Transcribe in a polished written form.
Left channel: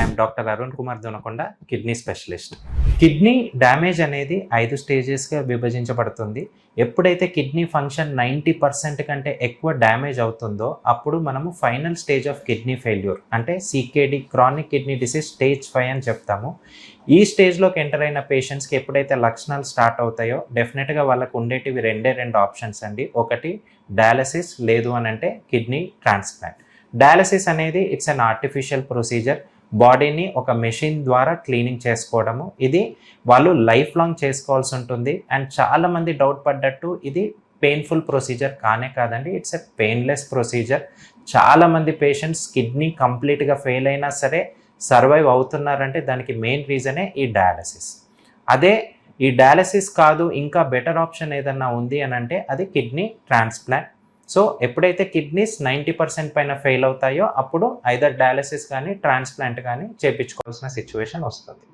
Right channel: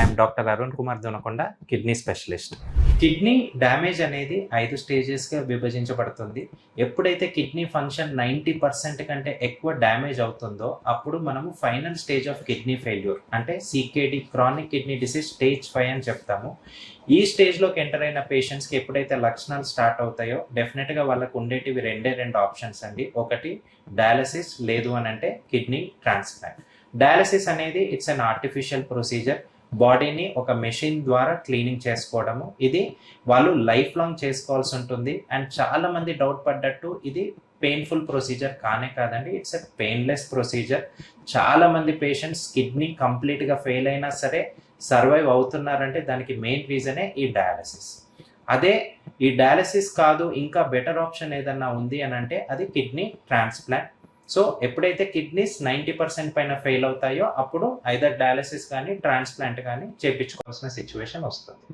I'm doctor Arun Kumar Donakonda, kidney specialist. Kidney damage అనేది 5 స్టేజెస్గా విభజించబడుతుంది. ఎప్పుడైతే కిడ్నీ ఫంక్షన్ 90% కంటే ఎక్కువ డ్యామేజ్ అవుతుందో అప్పుడు మనము final stage of kidney failure అంటే CKD, chronic kidney disease stage 5 అని చెప్తాము. ఈ స్టేజ్లోకి ఎంటర్ అయిన పేషెంట్స్కి ఎప్పుడైతే లక్షణాలు స్టార్ట్ అవుతాయో డెఫినెట్గా వాళ్ళకు ఉండేటివి రెండు ఆప్షన్స్ అండి. ఒకటి డయాలసిస్, లేదు అని అంటే కిడ్నీ ట్రాన్స్ప్లాంట్. డయాలసిస్ అనేది ఇట్స్ అన్ ఆర్టిఫిషియల్ ప్రొసీజర్. బాడీని ఒక మెషిన్ ద్వారా క్లీనింగ్ చేసుకోవడము. ఇది వాళ్ళు లైఫ్ లాంగ్ చేసుకోవాల్సి ఉంటుంది. అండ్ చాలామంది డౌట్ పడ్డట్టు ఇది పెయిన్ఫుల్ ప్రొసీజర్ కాదండి. It's a painless procedure. చాలామంది పేషెంట్స్ కిడ్నీ కంప్లీట్గా ఫెయిల్ అయినా సరే సర్వైవ్ అవుతున్నారంటే దానికి మెయిన్ రీజనే ఈ డయాలసిస్. అదే ఈ డయాలసిస్ కాదు, ఇంకా బెటర్ ఆప్షన్ ఏదన్నా ఉంది అని అంటే అది కిడ్నీ ట్రాన్స్ప్లాంట్. సో ఎప్పుడైతే కిడ్నీస్ 90% పైన ఫెయిల్ అవుతాయో అప్పుడు ఐదర్ డయాలసిస్ కానీ ట్రాన్స్ప్లాంట్ కానీ చేయించుకోవాల్సిన సిచ్యువేషన్ వస్తుంది.